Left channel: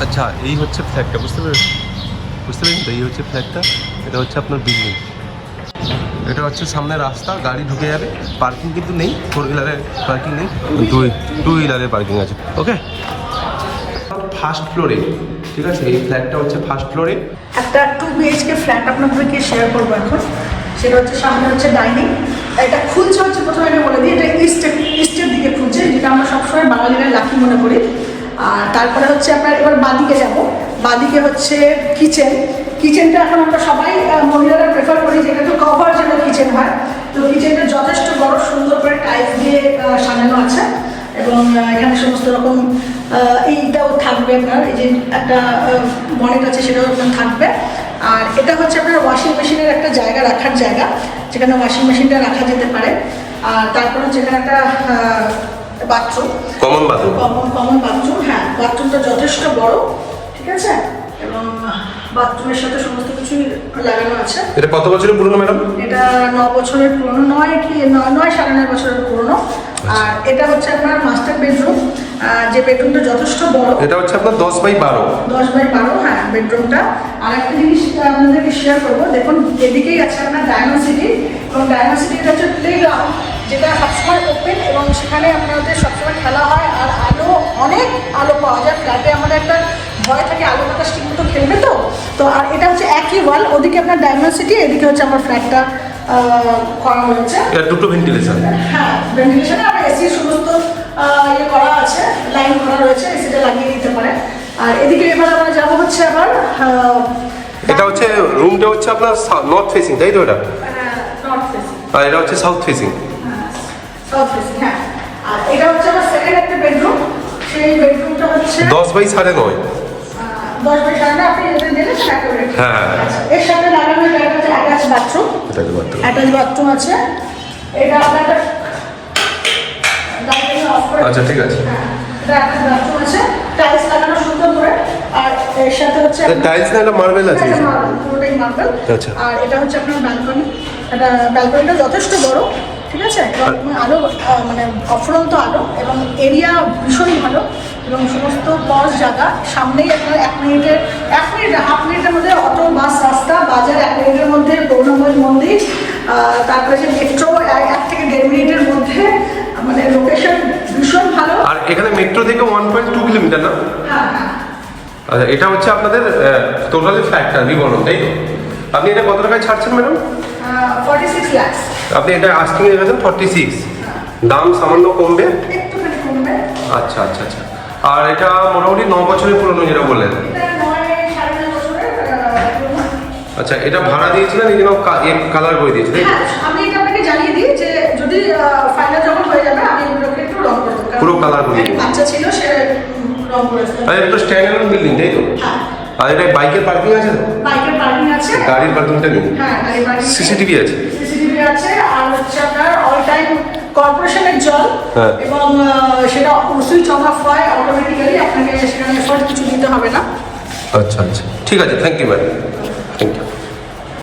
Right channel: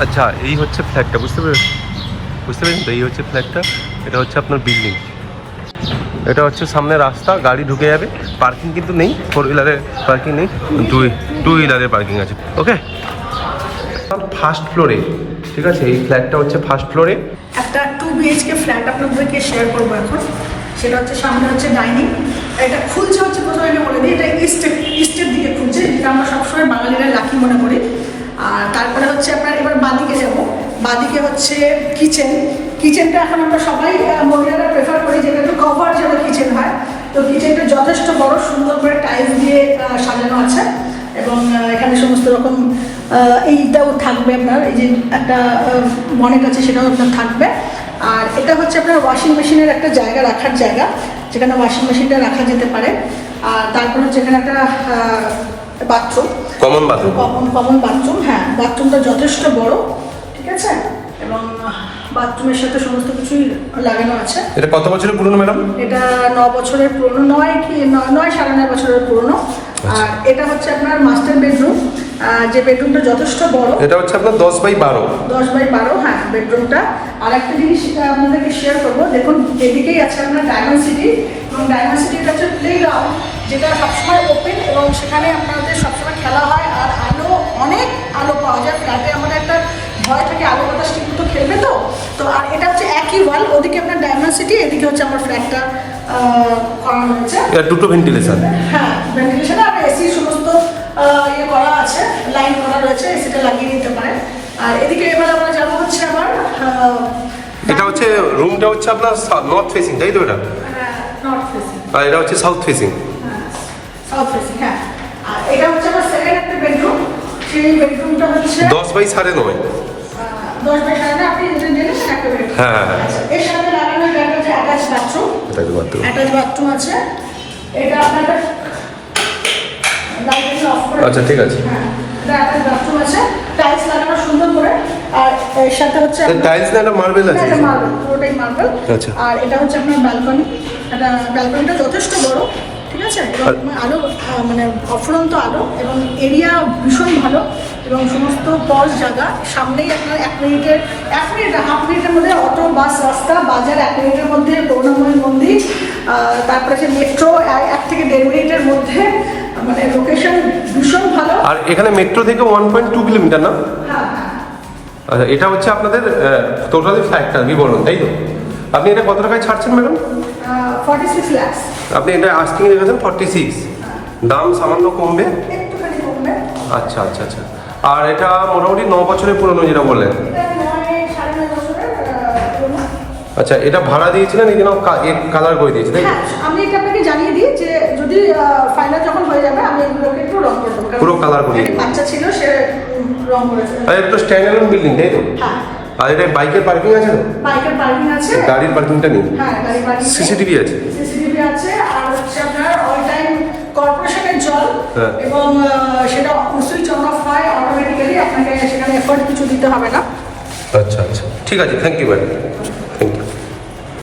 আচ্ছা, এই হচ্ছে ফ্ল্যাটটা, বুঝতে পেরেছেন তো? এই হচ্ছে ফ্ল্যাটটা, এটা হচ্ছে আপনার বিল্ডিং, এটা হচ্ছে সামনে রাস্তা, গাড়ি ঢুকে যাবে। পার্কিং কিন্তু নেই, 4 হুইলারের পার্কিং নেই, 2 হুইলারের পার্কিং আছে। ওকে, ফার্স্ট ফ্লোরে, ঠিক আছে? এই ফ্ল্যাটটা হচ্ছে ফার্স্ট ফ্লোরে। একটা 2 BHK ফ্ল্যাট আপনাদেরকে শেয়ার করবো এখন। সেটা হচ্ছে সামনে হচ্ছে ডাইনিং, এটা খুলছে হচ্ছে প্রথমে আমি বলে দিই, এটা ইস্টের দিকে খুলছে, যেটা আমরা সবসময় বাঙালিরা লাকি মনে করি। আর তারপরে হচ্ছে আপনার এবার বাঁদিকে যাব, বাঁদিকে হচ্ছে কিচেনটা এখন আমরা সবাই মহিলারা প্রেফার করি, যেটা তো কভার যেন কিচেন হয়। তো কিচেনটা যথেষ্ট বড়, সুন্দর করে টাইলস দিয়ে সাজানো আছে, এবং এখানে সমস্ত রকম এইটাও থাকবে আপনার, এই যে একটা বনেট আছে সেটাও আপনার থাকবে। আর এটা হচ্ছে আপনার ওয়াশিং মেশিনের একটা জায়গা, রাখার জায়গা, যেখানে ওয়াশিং মেশিনটা রাখা যেতে পারে। আর তারপর হচ্ছে এখানে একটা বাথরুম, কমন বাথরুম। হ্যাঁ, বাথরুমটা যথেষ্ট বড়, ঠিক আছে, এবং বাথরুমের সাথে সমস্ত কিছু লাগানো আছে। এটা কত বছরের পুরনো ম্যাডাম? এটা 9 বছরের পুরনো, 9.5 বছরের পুরনো। আর এটা হচ্ছে আপনার মাস্টার বেডরুম, যে বেডরুমটা যথেষ্ট বড়। এটা হচ্ছে আপনার 10/12। 10/12, হ্যাঁ, বেডরুমটা। আর একটা জিনিস আপনাদেরকে শেয়ার করবো, দেখুন এদিকেই আছে আপনার ডায়মন্ড সিটি, এবং ডায়মন্ড সিটিটা হচ্ছে প্লেগ্রাউন্ড, যেটা সবসময় ওপেন, এবং সেখানে আপনাদের সবসময় খেলা হয়। আর অনেক আলো পাওয়া যায় ফ্ল্যাটে, আমাদের একটা ভয় থাকে আলো বাতাস ঠিক মতো খেলবে তো আর এটা হচ্ছে একই ওয়াল, ওদিকে আপনার ডায়মন্ড সিটি, এদিকে হচ্ছে আমার ফ্ল্যাটটা করা হয়েছে। এটা দুটো ভেন্টিলেশন, হ্যাঁ, ভেন্টিলেশন আর এসি সমস্ত ইয়ে করা আছে, লাইন করা রয়েছে, এসিটা লাগিয়ে দিতে পারে। আর এদিকে এবার আমরা যাবো হচ্ছে আবার, এটা হচ্ছে রুমটা হচ্ছে আপনার নর্থ ফেসিং, তাই তো? এটা নর্থ ফেসিং, আর এটা হচ্ছে সাউথ ফেসিং। সাউথ ফেসিং, হ্যাঁ। আর এটা হচ্ছে আমার সেকেন্ড একটা বেডরুম, সেই বেডরুমটা হচ্ছে 10/9.5। 10/9.5, আপনি এটা দিলেন একটা বেডরুম। হ্যাঁ, এর সাথে লাগানো এটা হচ্ছে অ্যাটাচ বাথরুম, এটাই তো বাথরুম। অ্যাটাচ বাথরুম আছে। এটা আপনার লাইটিং অফ করে, আচ্ছা, ঠিক আছে। এটা অ্যাটাচ বাথরুম আছে, টাইলস লাগানো সুন্দর করে। আর এর সাথে হচ্ছে টাইলস না, এটা মার্বেল আছে। এটা মার্বেল, পুরোটাই মার্বেল। আচ্ছা। আর এটা হচ্ছে আপনার ব্যালকনি, এটা ব্যালকনিটা যথেষ্ট বড়, ঠিক আছে, আলো মানে অফুরন্ত আলো, এবং এরিয়া ভীষণ ভালো, এবং সমস্ত পজ জায়গা। সামনেই আপনার 1 হাফ মিনিটের মধ্যে অটো, বাস, রাস্তা, বাজার 1 মিনিটের মধ্যে, করুণাময়ী মন্দির, তারপরে যে মেট্রো 1 থেকে 1.5 মিনিটের মধ্যে, আমাদের লোকেশন ভীষণ ভালো। আর এখানে মেট্রো থেকে 1.2 কিলোমিটার না? হ্যাঁ। আচ্ছা, এটা হচ্ছে আপনাদের টোটালি ফ্ল্যাটটা বিবরণ, তাই তো? আপনি এটা কত টাকায় ছাড়ছেন ম্যাডাম? 46 লাখ। আপনি এটা আস্কিং এ গেছেন 46, দাম সামান্য কমবে, একটুখানি কমবে। আচ্ছা। আর এটা মোটামুটি 9 বছরের পুরনো, যেটা বললেন। আচ্ছা, এটা ভাড়া দিয়েছিলেন, এই জন্য কালার করে দিয়েছে, তাই? আমি এটা আপনাকে জানিয়ে দিই যে যদি ফাইনাল যখন হয়ে যাবে, আমি এগুলোকে একটু রং করে দেবো, পুরো কালার করিয়ে দেবো। বাচ্চা ছিল, সে রং করে দেবে। আর এটা তো স্ট্যান্ডার্ড বিল্ডিং, তাই তো? আর এটা বাইকের পার্কিং আছে তো? বাইকের পার্কিং আছে, গাড়ির পার্কিংটা নেই। হ্যাঁ, গাড়ির পার্কিং, সিসিটিভি আছে। সিসিটিভি আছে। আর হচ্ছে আপনার অল টাইম কর্পোরেশনের জল, হ্যাঁ। এবং সেটা সুইচ অফ হয় অটোমেটিক্যালি, আপনাকে সেখানে এফোর্ট কিছু দিতে হবে না। আচ্ছা, ঠিক আছে, থ্যাংক ইউ ম্যাডাম।